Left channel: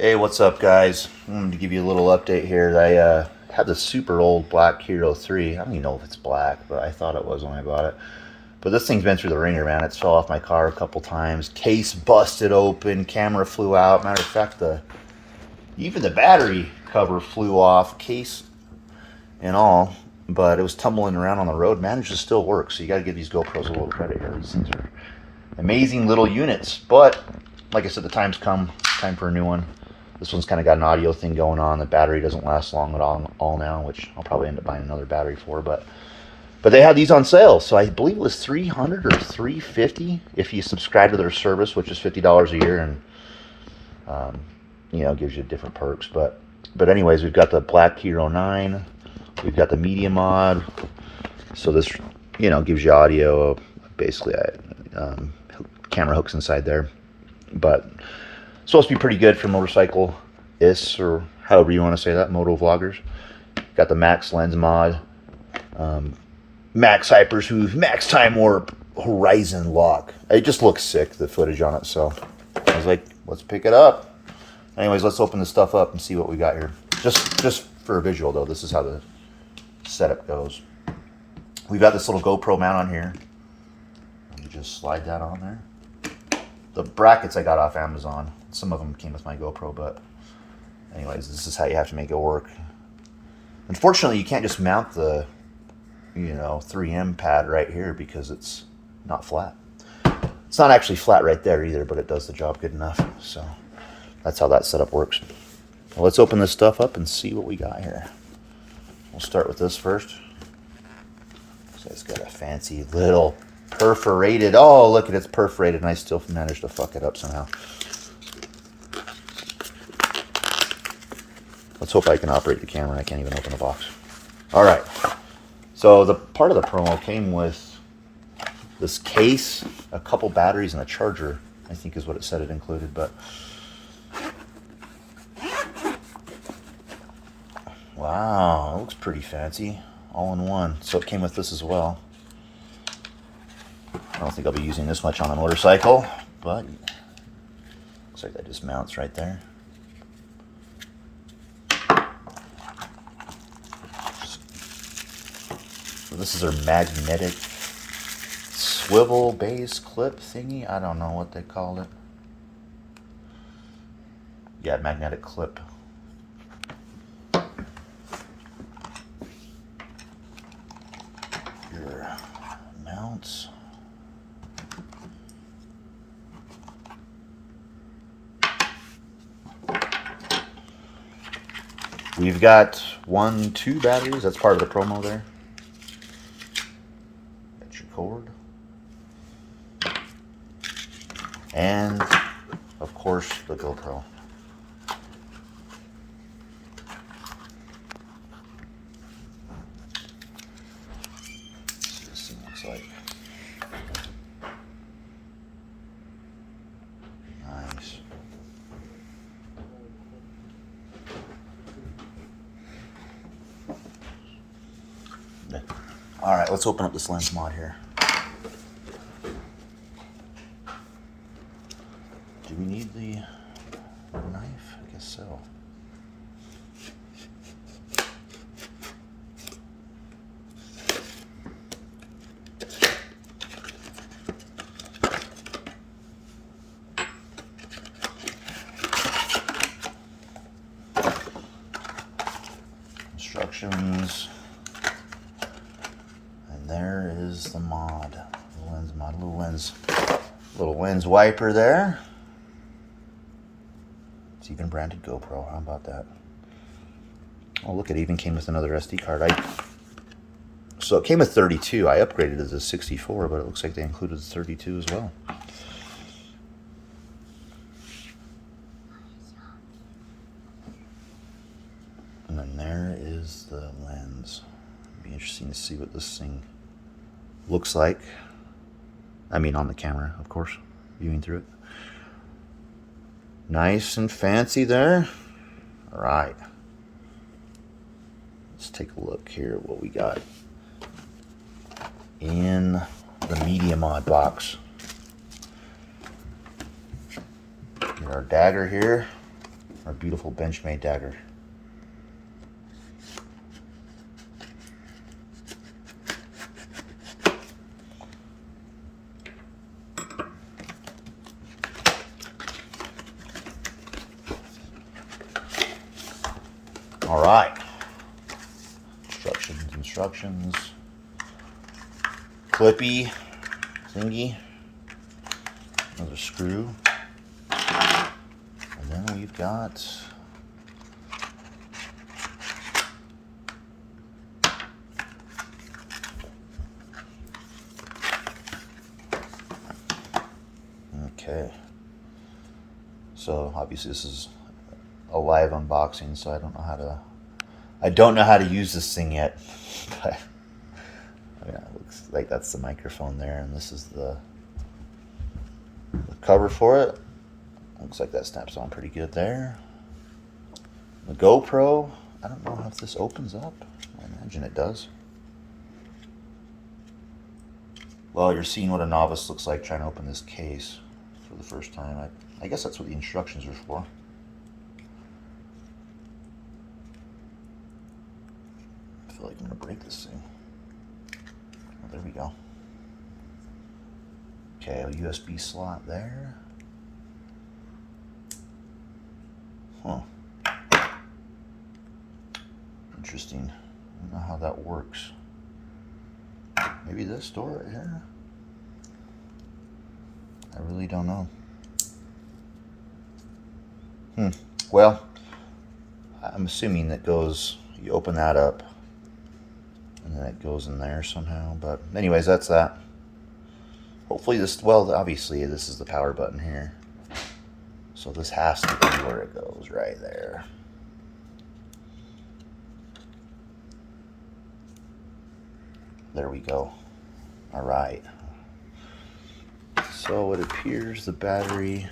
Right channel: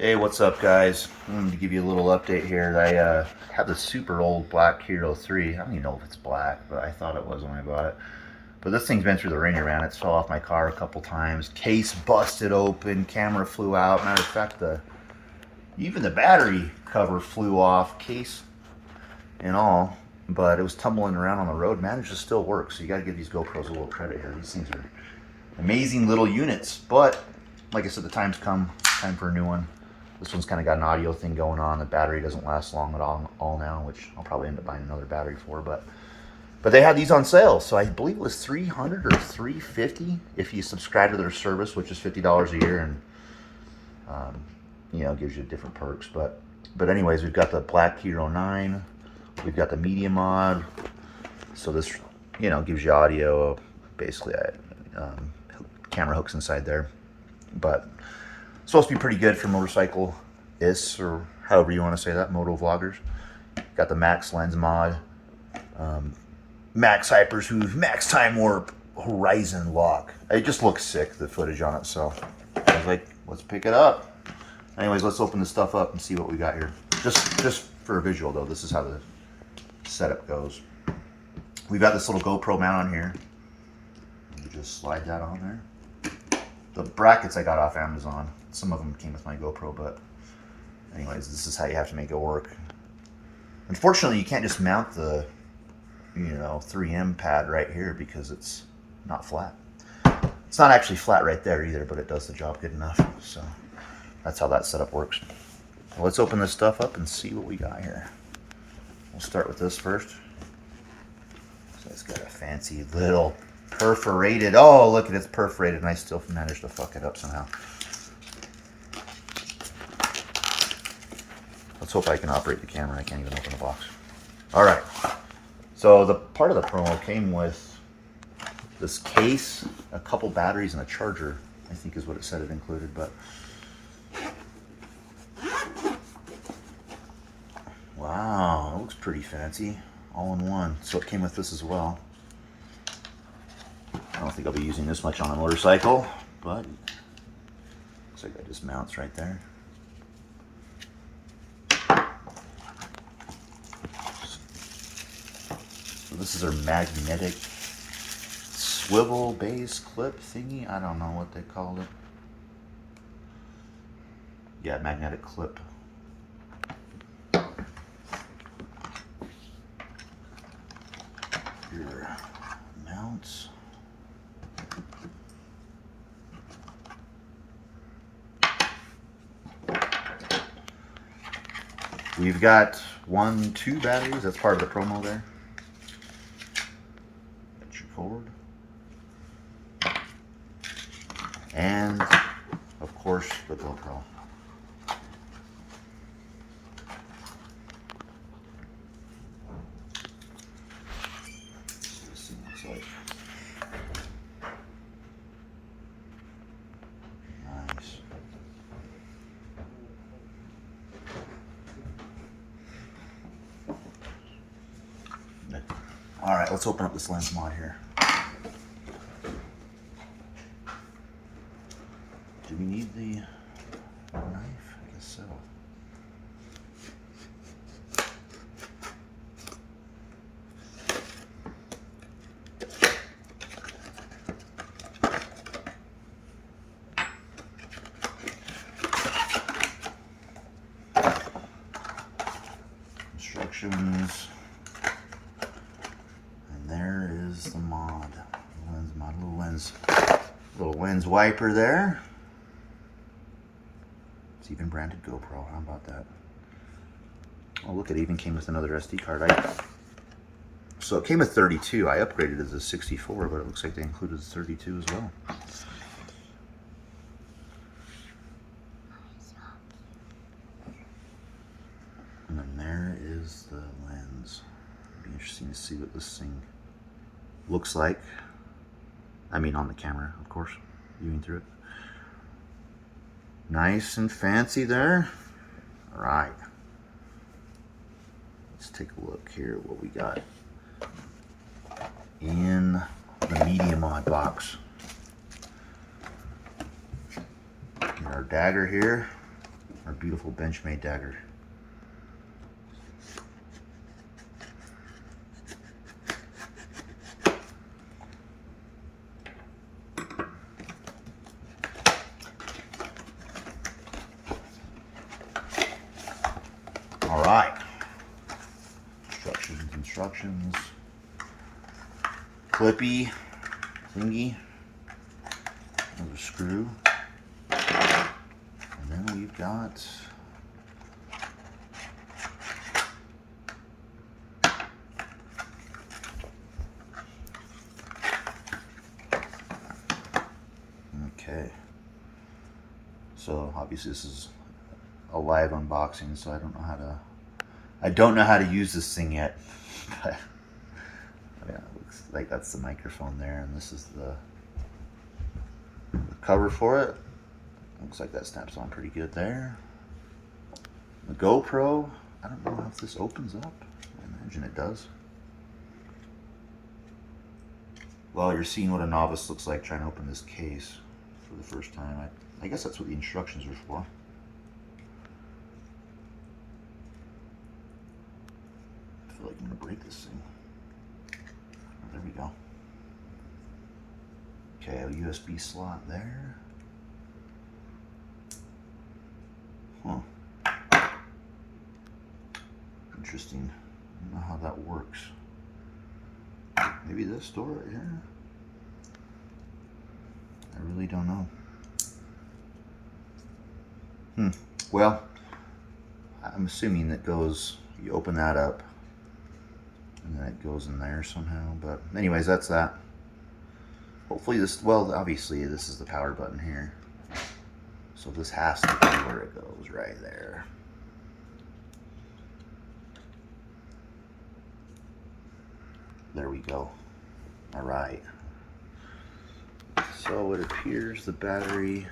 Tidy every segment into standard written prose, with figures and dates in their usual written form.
Hey, what's up, guys? I'm going to give you a little update here. I have this super old black Hero 3. I don't even know if it's black, but I thought it was when I bought it. But this thing's been through the ringer, man. It's fell off my car a couple times. Case busted open, camera flew out. Matter of fact, even the battery cover flew off, case and all. But it was tumbling around on the road. Managed to still work, so you got to give these GoPros a little credit here. These things are amazing little units. But like I said, the time's come. Time for a new one. This one's kind of got an audio thing going on. The battery doesn't last long at all now, which I'll probably end up buying another battery for. But they had these on sale, so I believe it was $300 or $350 if you subscribe to their service, which is $50 a year, and gives you different perks. But anyways, we've got the Black Hero 9, we've got the Media Mod. So this gives you audio, basically camera hooks inside there, but supposed to be pretty good for motorcyclists, or however you want to say that, moto vloggers. Got the max lens mod, max hypersmooth, max time warp, horizon lock. It just looks sick, the footage on it, so I was like, let's pick it up. Anyways, let's open this stuff up and see what we got here. Just for a visual though, this is how the setup goes. We've got this little GoPro mount on here. You just slide that on there. The brackets I got off Amazon. Some of them came with my GoPro, but anyways, this is how you have to make it work. Unfortunately, you can't just mount the 3M pad right here because it's not flat. It's not actually flat right there either, but it does the job good enough. So that's how that setup works. Well, let's open this stuff up and see what we got here. We'll start with this first. So it's got a fancy little perforated. Oh, look at it, it's perforated, and I still managed to fuck it up somehow. Let's hope I can operate the camera. I can't even open the box. All right. So the part of the promo came with this case, a couple batteries, and a charger, I think is what it said it included. But wow, that looks pretty fancy. All in one. So it came with this as well. I don't think I'll be using this much on a motorcycle, but looks like that just mounts right there. So this is our magnetic swivel base clip thingy. I don't know what they called it. Yeah, magnetic clip. Your mounts. We've got 2 batteries. That's part of the promo there. That's your cord. And, of course, the GoPro. Let's see what this thing looks like. Nice. All right, let's open up this lens mod here. Do we need the knife? I guess so. Instructions. There is the mod. The lens mod, little lens wiper there. It's even branded GoPro. How about that? Oh, look, it even came with another SD card. So it came with 32. I upgraded it as a 64, but it looks like they included the 32 as well. And then there is the lens. It'd be interesting to see what this thing looks like. I mean, on the camera, of course, viewing through it. Nice and fancy there. All right. Let's take a look here at what we got in the Media Mod box. Get our dagger here, our beautiful Benchmade dagger. All right. Instructions. Clippy, thingy, another screw, and then we've got okay. So obviously this is a live unboxing, so I don't know how to use this thing yet. But yeah, it looks like that's the microphone there, and this is the cover for it. Looks like that snaps on pretty good there. The GoPro, I don't know if this opens up. I imagine it does. Well, you're seeing what a novice looks like trying to open this case for the first time. I guess that's what the instructions are for. I feel like I'm gonna break this thing. Oh, there we go. Okay, a USB slot there. Huh. Interesting. I don't know how that works. Maybe this door right here? I really don't know. Well, I'm assuming that goes, you open that up, and then it goes in there somehow. But anyways, that's that. Hopefully this, well, obviously this is the power button here. So this has to be where it goes, right there. There we go. All right. So it appears the battery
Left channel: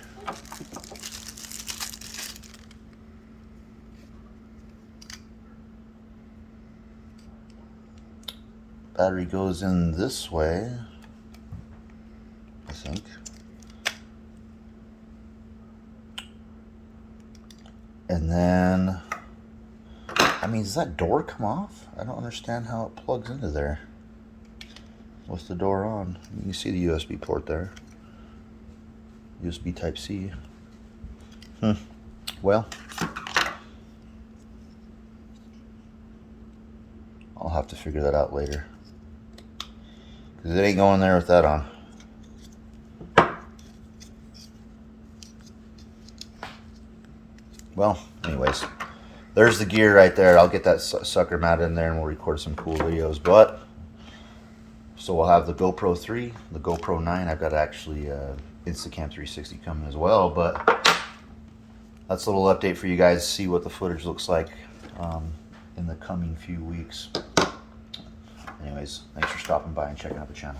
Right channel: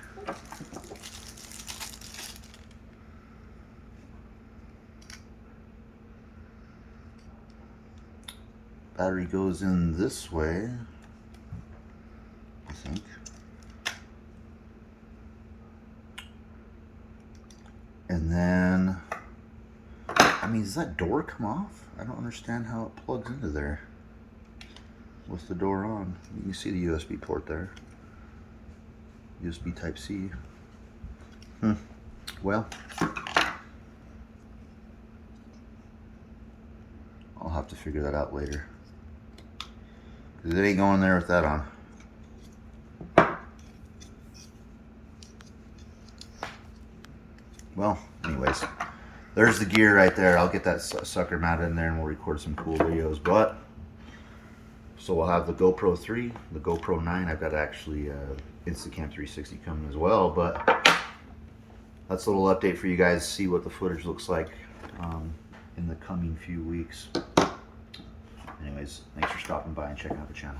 goes in this way, I think. And then, I mean, does that door come off? I don't understand how it plugs into there with the door on. You can see the USB port there. USB Type-C. Well, I'll have to figure that out later. 'Cause it ain't going there with that on. Well, anyways, there's the gear right there. I'll get that sucker mounted in there and we'll record some cool videos. But so we'll have the GoPro 3, the GoPro 9. I've got actually Instacam 360 coming as well. But that's a little update for you guys to see what the footage looks like in the coming few weeks. Anyways, thanks for stopping by and checking out the channel.